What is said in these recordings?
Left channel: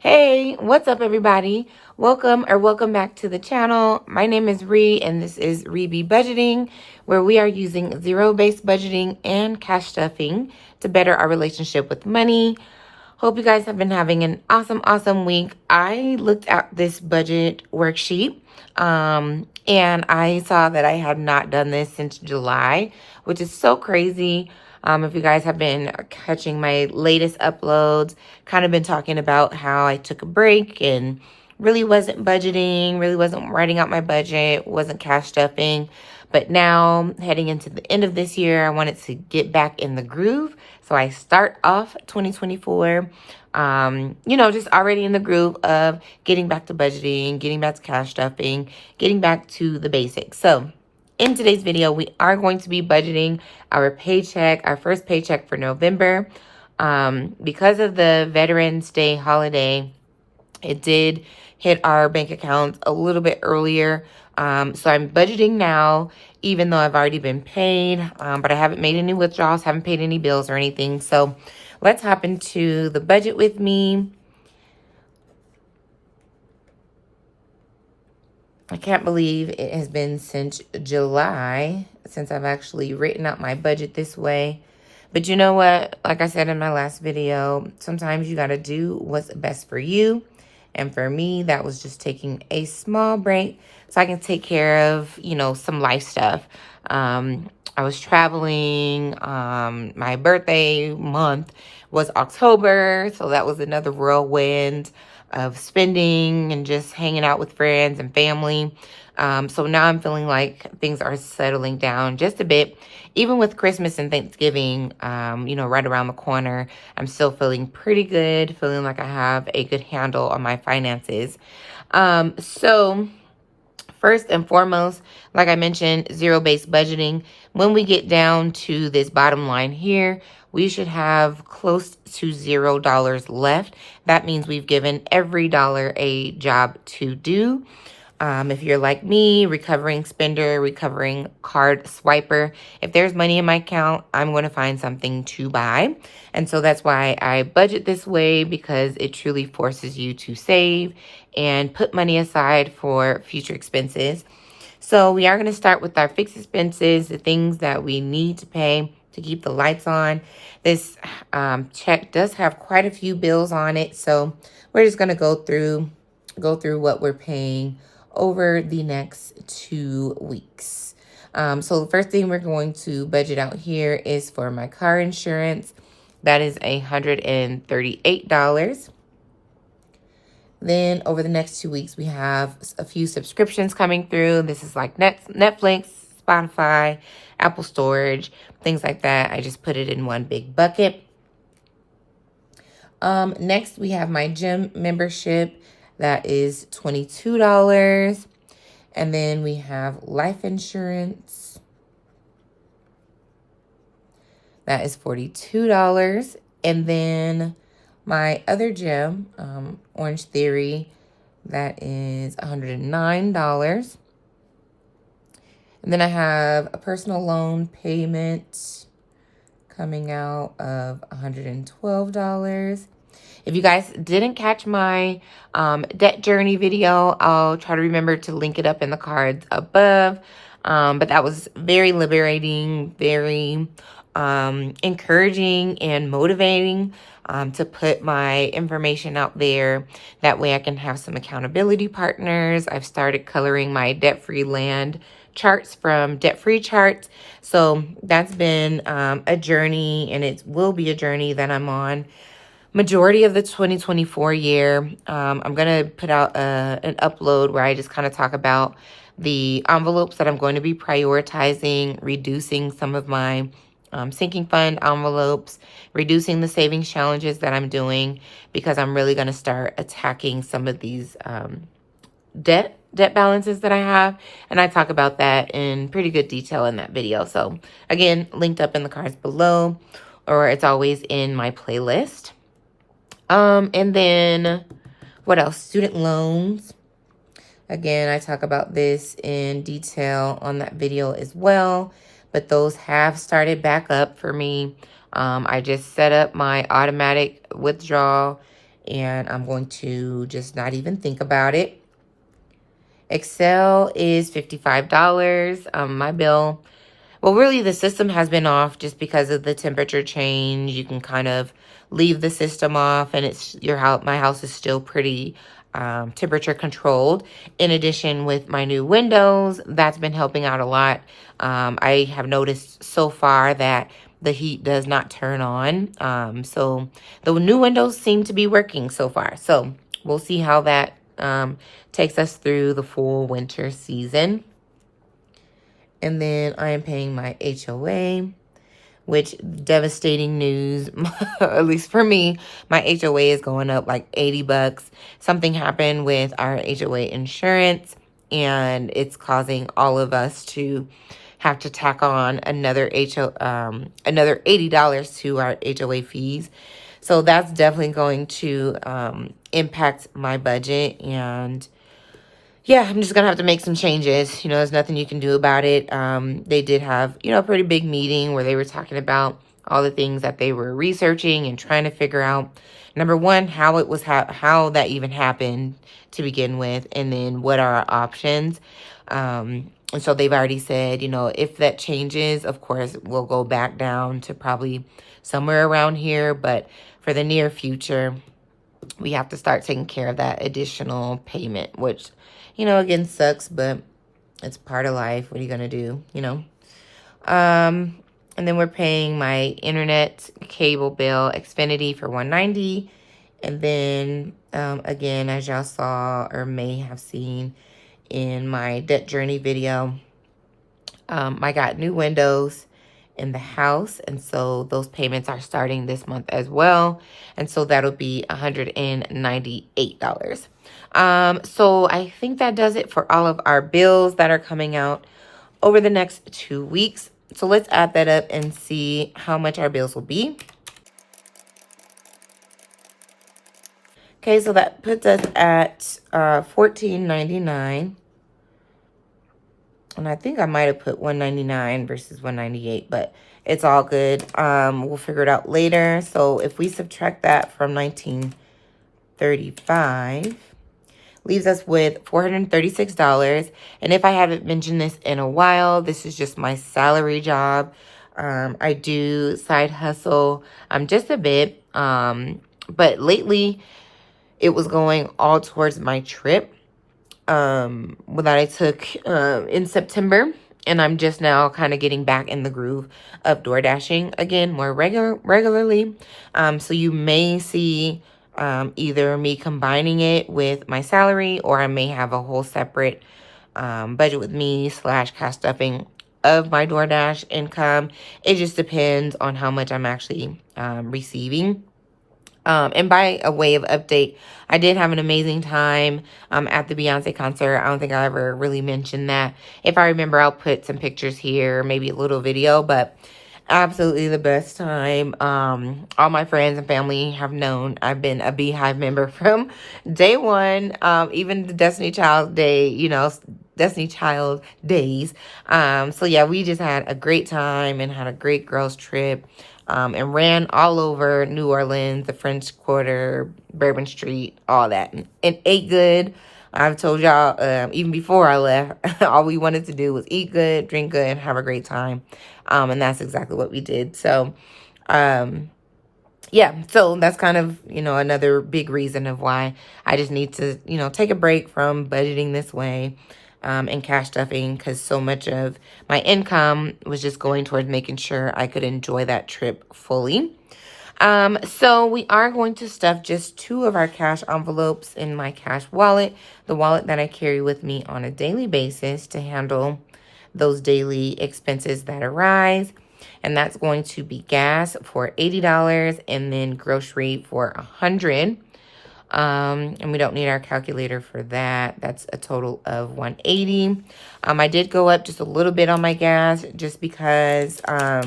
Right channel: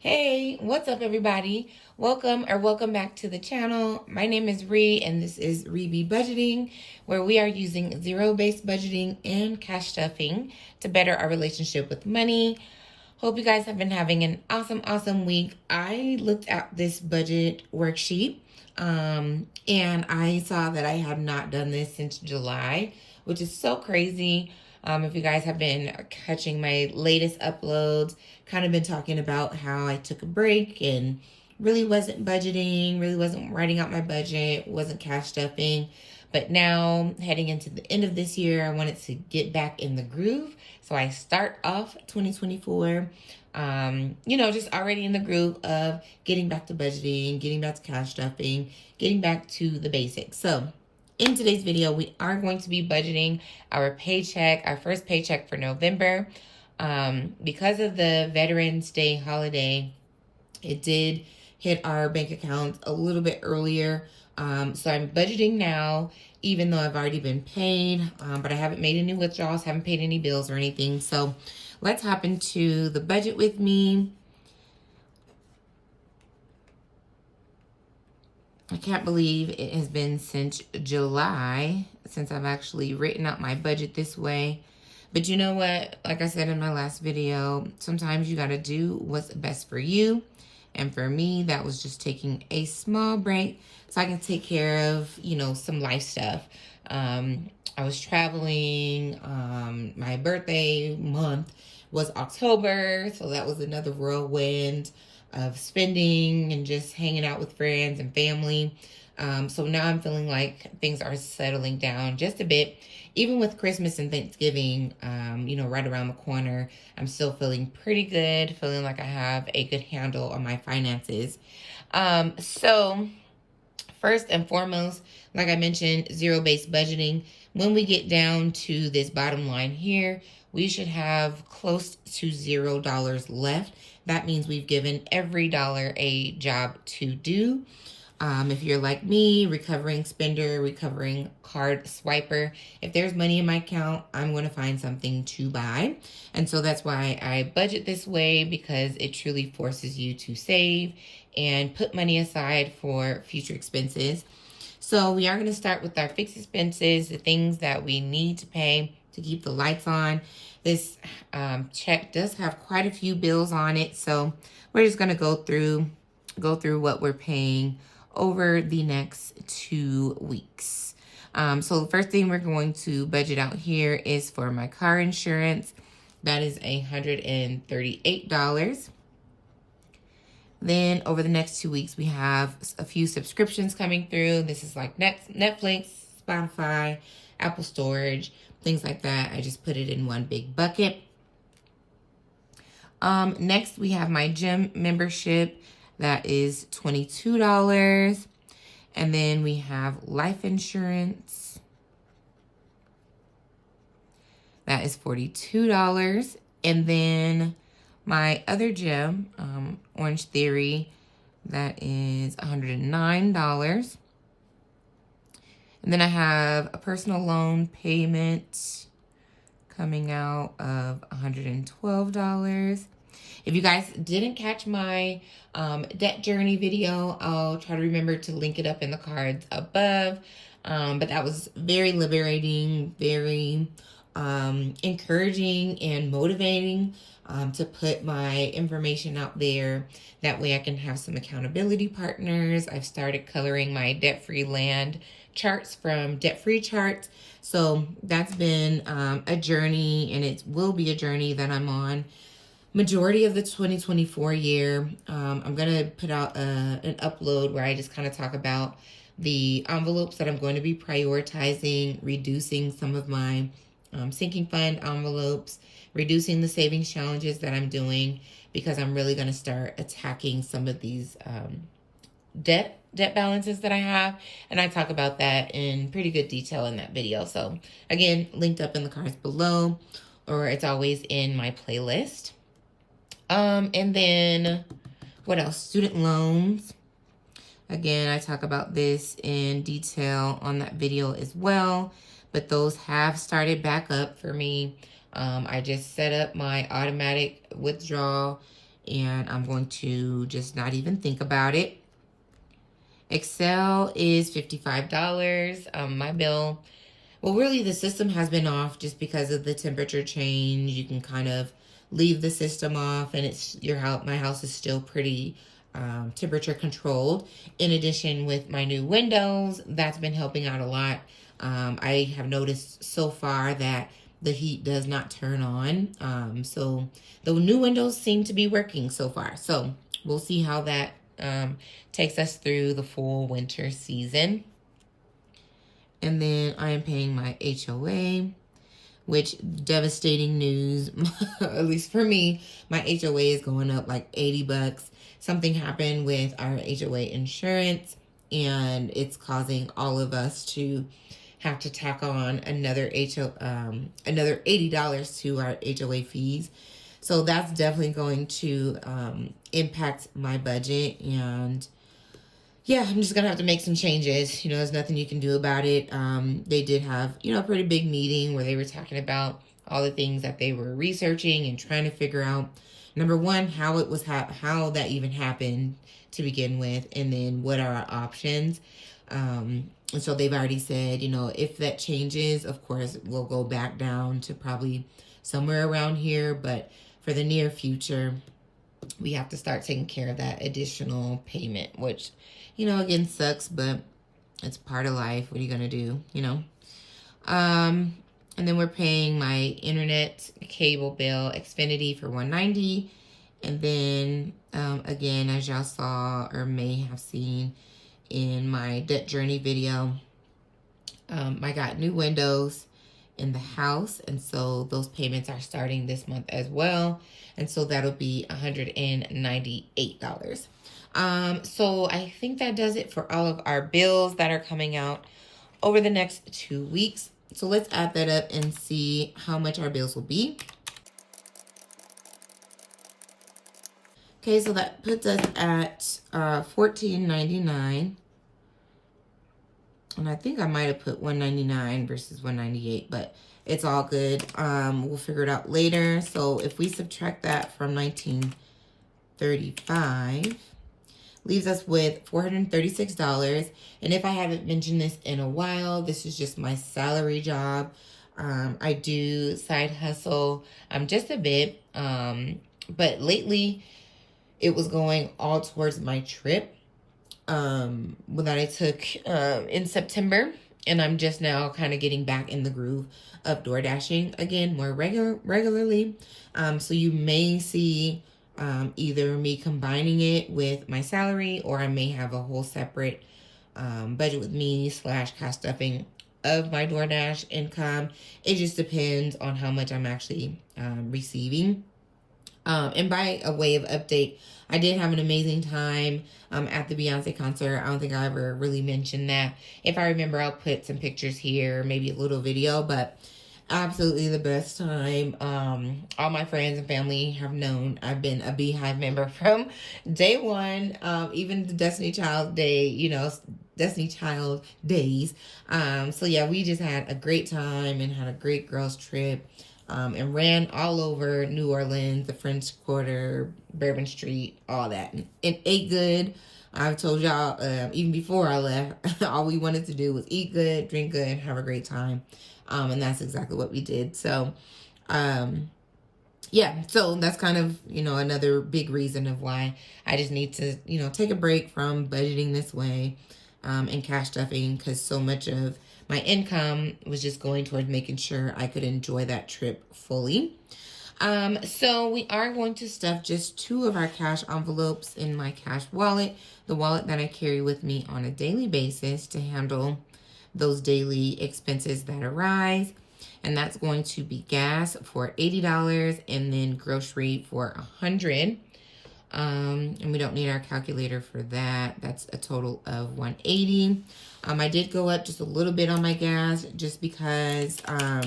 Hey, what's up everybody? Welcome back to the channel. My name is Ree and this is Ree Budgeting, where we are using zero-based budgeting and cash stuffing to better our relationship with money. Hope you guys have been having an awesome week. I looked at this budget worksheet and I saw that I had not done this since July, which is so crazy. If you guys have been catching my latest uploads, kind of been talking about how I took a break and really wasn't budgeting, really wasn't writing out my budget, wasn't cash stuffing. But now heading into the end of this year, I wanted to get back in the groove. So I start off 2024, just already in the groove of getting back to budgeting, getting back to cash stuffing, getting back to the basics. So in today's video, we are going to be budgeting our paycheck, our first paycheck for November. Because of the Veterans Day holiday, it did hit our bank accounts a little bit earlier. So I'm budgeting now, even though I've already been paid, but I haven't made any withdrawals, haven't paid any bills or anything. So let's hop into the budget with me. I can't believe it has been since July since I've actually written out my budget this way. But you know what? Like I said in my last video, sometimes you got to do what's best for you. And for me, that was just taking a small break so I can take care of, some life stuff. I was traveling. My birthday month was October. So that was another whirlwind of spending and just hanging out with friends and family. So now I'm feeling like things are settling down just a bit. Even with Christmas and Thanksgiving, right around the corner, I'm still feeling pretty good, feeling like I have a good handle on my finances. So first and foremost, like I mentioned, zero-based budgeting. When we get down to this bottom line here, we should have close to $0 left. That means we've given every dollar a job to do. If you're like me, recovering spender, recovering card swiper, if there's money in my account, I'm going to find something to buy. And so that's why I budget this way, because it truly forces you to save and put money aside for future expenses. So we are going to start with our fixed expenses, the things that we need to pay to keep the lights on. This check does have quite a few bills on it, so we're just going to go through what we're paying over the next 2 weeks. So the first thing we're going to budget out here is for my car insurance. That is $138. Then over the next 2 weeks, we have a few subscriptions coming through. This is like Netflix, Spotify, Apple storage, things like that. I just put it in one big bucket. Next, we have my gym membership. That is $22. And then we have life insurance. That is $42. And then my other gym, Orange Theory, that is $109. And then I have a personal loan payment coming out of $112. If you guys didn't catch my debt journey video, I'll try to remember to link it up in the cards above. But that was very liberating, very encouraging and motivating to put my information out there. That way I can have some accountability partners. I've started coloring my debt-free land charts from Debt Free Charts. So that's been a journey, and it will be a journey that I'm on majority of the 2024 year. I'm going to put out an upload where I just kind of talk about the envelopes that I'm going to be prioritizing, reducing some of my sinking fund envelopes, reducing the savings challenges that I'm doing, because I'm really going to start attacking some of these debt balances that I have. And I talk about that in pretty good detail in that video. So again, linked up in the cards below, or it's always in my playlist. And then what else? Student loans. Again, I talk about this in detail on that video as well, but those have started back up for me. I just set up my automatic withdrawal and I'm going to just not even think about it. Excel is $55. My bill, well, really the system has been off just because of the temperature change. You can kind of leave the system off, and it's your house. My house is still pretty temperature controlled. In addition, with my new windows, that's been helping out a lot. I have noticed so far that the heat does not turn on. So the new windows seem to be working so far. So we'll see how that takes us through the full winter season. And then I am paying my HOA, which devastating news, at least for me, my HOA is going up like 80 bucks. Something happened with our HOA insurance, and it's causing all of us to have to tack on another $80 to our HOA fees. So that's definitely going to impact my budget, and yeah, I'm just going to have to make some changes. You know, there's nothing you can do about it. They did have, you know, a pretty big meeting where they were talking about all the things that they were researching and trying to figure out, number one, how it was, how that even happened to begin with, and then what are our options. And so they've already said, you know, if that changes, of course, we'll go back down to probably somewhere around here. But for the near future, we have to start taking care of that additional payment, which, you know, again, sucks, but it's part of life. What are you going to do, you know? And then we're paying my internet cable bill, Xfinity, for $190. And then, again, as y'all saw or may have seen in my debt journey video, I got new windows in the house. And so those payments are starting this month as well. And so that'll be $198. So I think that does it for all of our bills that are coming out over the next 2 weeks. So let's add that up and see how much our bills will be. Okay, so that puts us at $14.99. And I think I might have put $199 versus $198, but it's all good. We'll figure it out later. So if we subtract that from $19.35, leaves us with $436. And if I haven't mentioned this in a while, this is just my salary job. I do side hustle just a bit, but lately it was going all towards my trip that I took in September. And I'm just now kind of getting back in the groove of door dashing again more regularly. So you may see either me combining it with my salary, or I may have a whole separate budget with me / cash stuffing of my DoorDash income. It just depends on how much I'm actually receiving. And by a way of update, I did have an amazing time at the Beyonce concert. I don't think I ever really mentioned that. If I remember, I'll put some pictures here, maybe a little video, but absolutely the best time. All my friends and family have known I've been a Beehive member from day one, even the Destiny Child Day, you know, Destiny Child days. So yeah, we just had a great time and had a great girls trip. And ran all over New Orleans, the French Quarter, Bourbon Street, all that. And ate good. I've told y'all, even before I left, all we wanted to do was eat good, drink good, and have a great time. And that's exactly what we did. So, yeah, so that's kind of, you know, another big reason of why I just need to, you know, take a break from budgeting this way. And cash stuffing, because so much of my income was just going towards making sure I could enjoy that trip fully. So we are going to stuff just 2 of our cash envelopes in my cash wallet, the wallet that I carry with me on a daily basis to handle those daily expenses that arise. And that's going to be gas for $80 and then grocery for $100. And we don't need our calculator for that. That's a total of $180. I did go up just a little bit on my gas just because I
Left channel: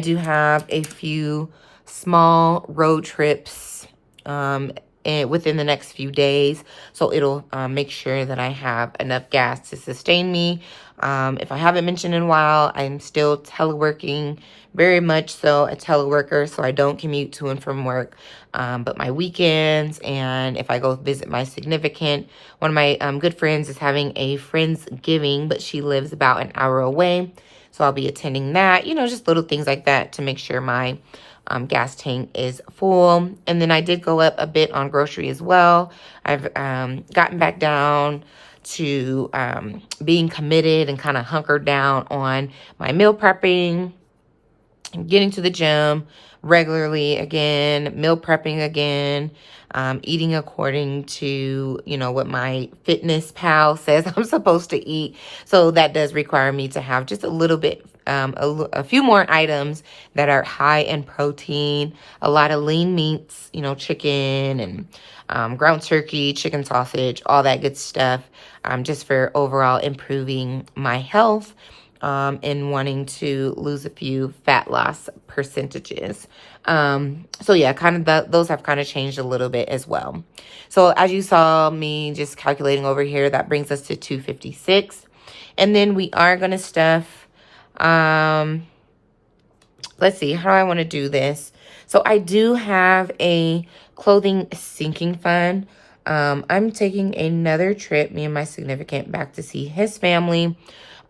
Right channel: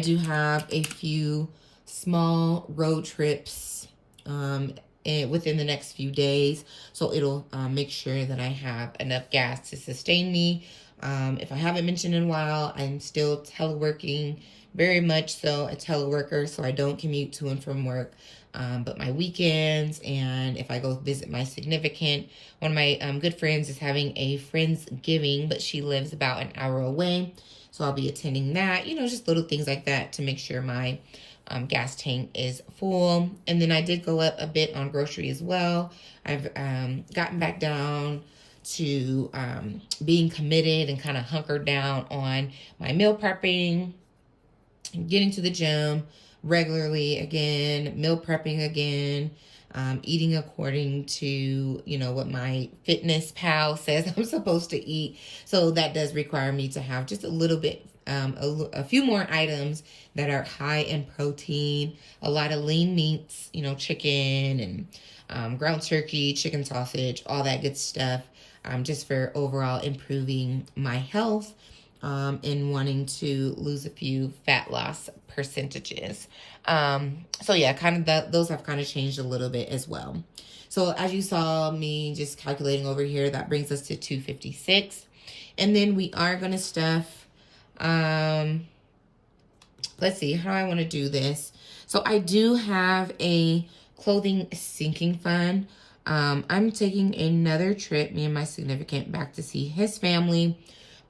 do have a few small road trips within the next few days. So it'll make sure that I have enough gas to sustain me. If I haven't mentioned in a while, I'm still teleworking very much so a teleworker, so I don't commute to and from work. But my weekends, and if I go visit my significant, one of my good friends is having a Friendsgiving, but she lives about an hour away. So I'll be attending that, you know, just little things like that to make sure my gas tank is full. And then I did go up a bit on grocery as well. I've gotten back down to being committed and kind of hunkered down on my meal prepping, getting to the gym regularly again, meal prepping again, eating according to, you know, what my fitness pal says I'm supposed to eat. So that does require me to have just a little bit, a few more items that are high in protein, a lot of lean meats, you know, chicken and ground turkey, chicken sausage, all that good stuff, just for overall improving my health and wanting to lose a few fat loss percentages. So yeah, kind of those have kind of changed a little bit as well. So as you saw me just calculating over here, that brings us to $256. And then we are going to stuff, let's see, how I want to do this. So I do have a clothing sinking fund. I'm taking another trip, me and my significant, back to see his family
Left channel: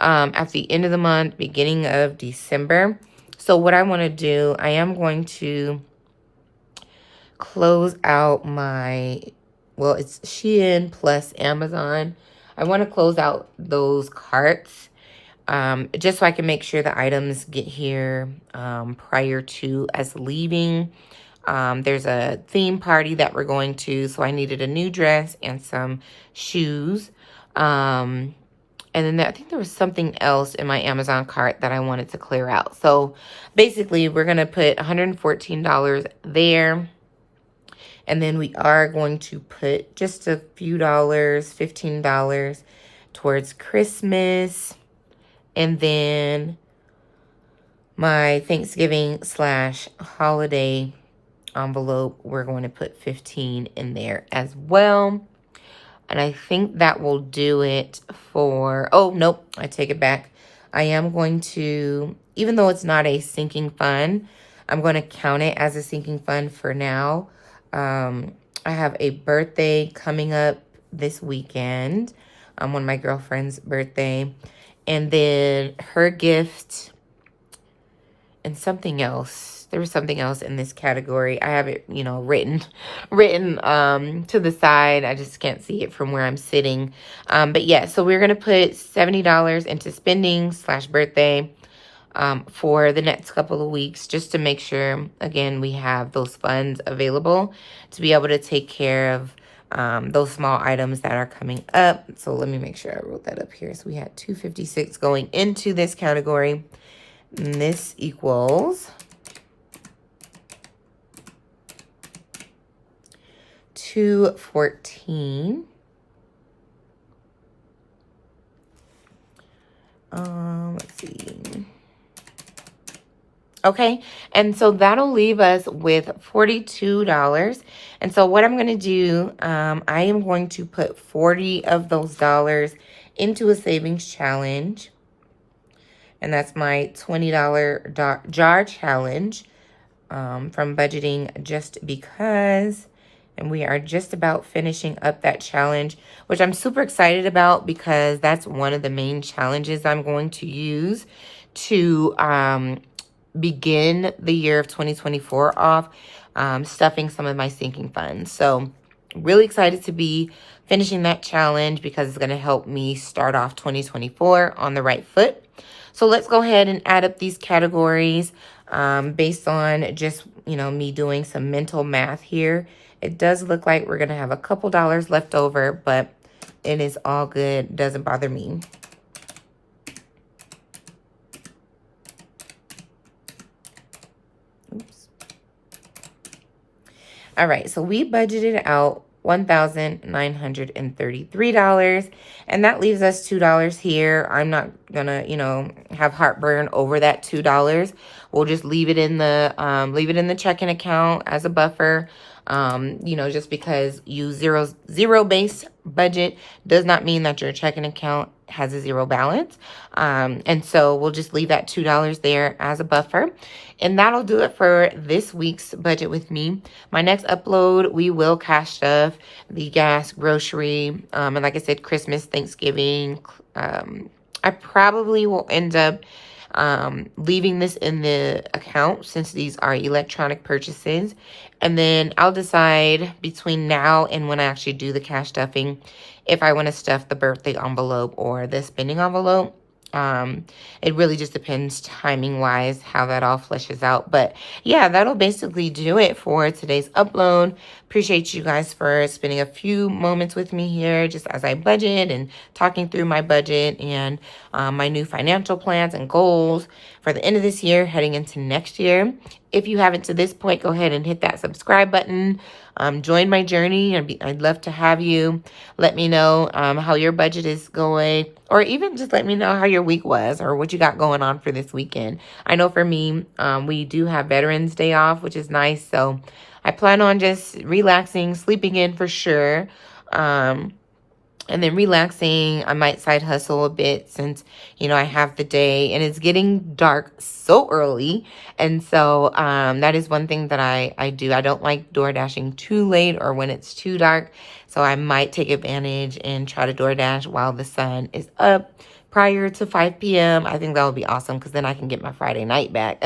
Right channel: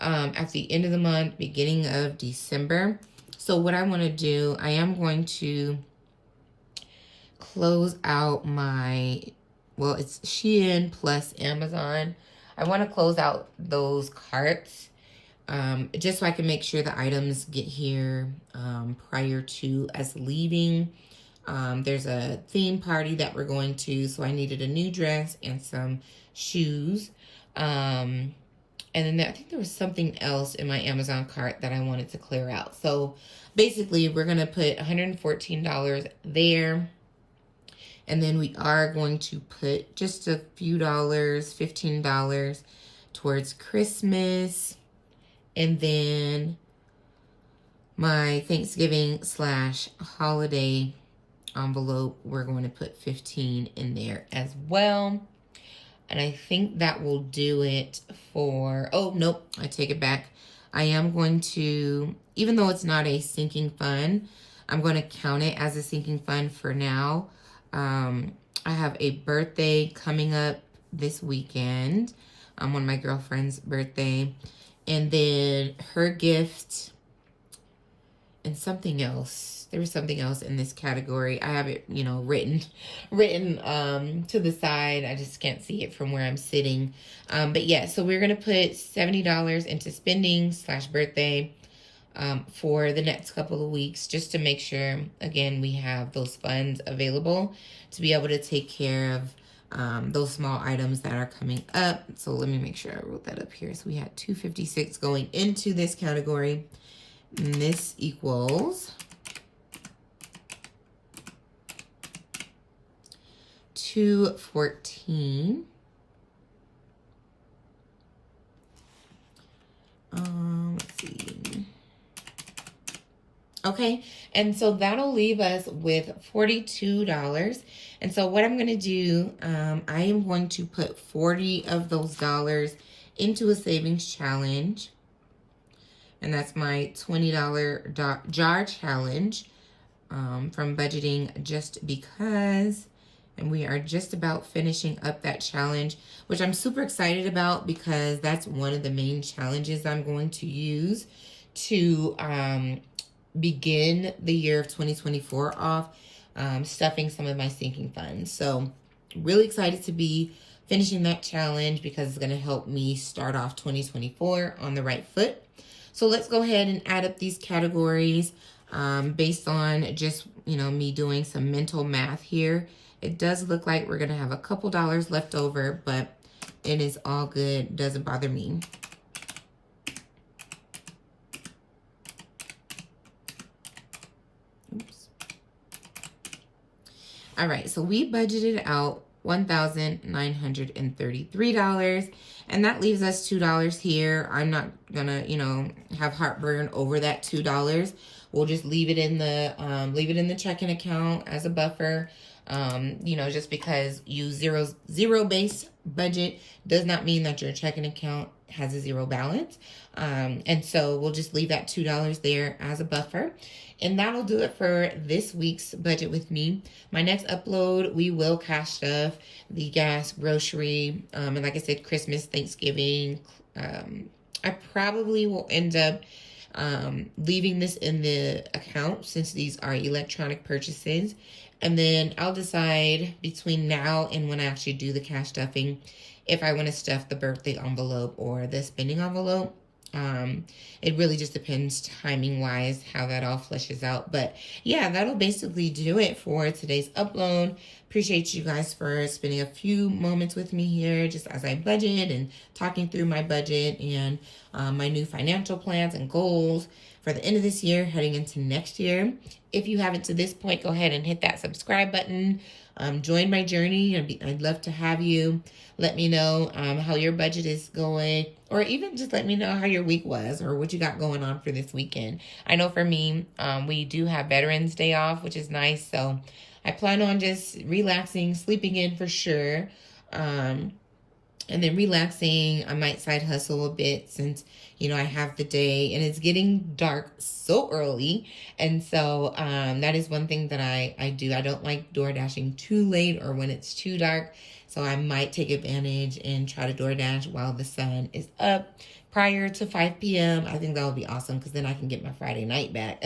at the end of the month, beginning of December. So what I want to do, I am going to close out my, well, it's Shein plus Amazon. I want to close out those carts just so I can make sure the items get here prior to us leaving. There's a theme party that we're going to, so I needed a new dress and some shoes. And then I think there was something else in my Amazon cart that I wanted to clear out. So basically, we're going to put $114 there. And then we are going to put just a few dollars, $15 towards Christmas. And then my Thanksgiving / holiday envelope, we're going to put 15 in there as well. And I think that will do it for, oh, nope, I take it back. I am going to, even though it's not a sinking fund, I'm going to count it as a sinking fund for now. I have a birthday coming up this weekend, one of my girlfriend's birthday. And then her gift and something else. There was something else in this category. I have it, you know, written to the side. I just can't see it from where I'm sitting. But yeah, so we're going to put $70 into spending / birthday for the next couple of weeks, just to make sure, again, we have those funds available to be able to take care of those small items that are coming up. So let me make sure I wrote that up here. So we had $256 going into this category. And this equals $214. Let's see. Okay, and so that'll leave us with $42. And so what I'm going to do, I am going to put 40 of those dollars into a savings challenge. And that's my $20 jar challenge from Budgeting Just Because. And we are just about finishing up that challenge, which I'm super excited about because that's one of the main challenges I'm going to use to begin the year of 2024 off, stuffing some of my sinking funds. So really excited to be finishing that challenge because it's going to help me start off 2024 on the right foot. So let's go ahead and add up these categories based on just, you know, me doing some mental math here. It does look like we're going to have a couple dollars left over, but it is all good. Doesn't bother me. Oops. All right, so we budgeted out $1,933, and that leaves us $2 here. I'm not gonna, you know, have heartburn over that $2. We'll just leave it in the checking account as a buffer. You know, just because you zero base budget does not mean that your checking account has a zero balance. And so we'll just leave that $2 there as a buffer. And that'll do it for this week's budget with me. My next upload, we will cash stuff, the gas, grocery, and like I said, Christmas, Thanksgiving. I probably will end up leaving this in the account since these are electronic purchases. And then I'll decide between now and when I actually do the cash stuffing if I want to stuff the birthday envelope or the spending envelope. It really just depends timing wise how that all fleshes out. But yeah, that'll basically do it for today's upload. Appreciate you guys for spending a few moments with me here just as I budget and talking through my budget and my new financial plans and goals for the end of this year heading into next year. If you haven't to this point, go ahead and hit that subscribe button. Join my journey. I'd love to have you. Let me know how your budget is going, or even just let me know how your week was or what you got going on for this weekend. I know for me, we do have Veterans Day off, which is nice. So I plan on just relaxing, sleeping in for sure. And then relaxing. I might side hustle a bit since, you know, I have the day and it's getting dark so early. And so that is one thing that I do. I don't like door dashing too late or when it's too dark. So I might take advantage and try to door dash while the sun is up prior to 5 p.m. I think that would be awesome because then I can get my Friday night back.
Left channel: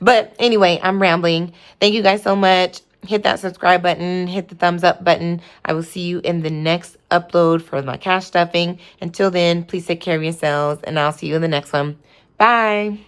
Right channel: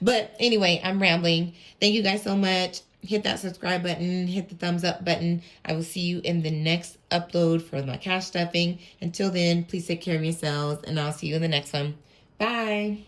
But anyway, I'm rambling. Thank you guys so much. Hit that subscribe button, hit the thumbs up button. I will see you in the next upload for my cash stuffing. Until then, please take care of yourselves and I'll see you in the next one. Bye.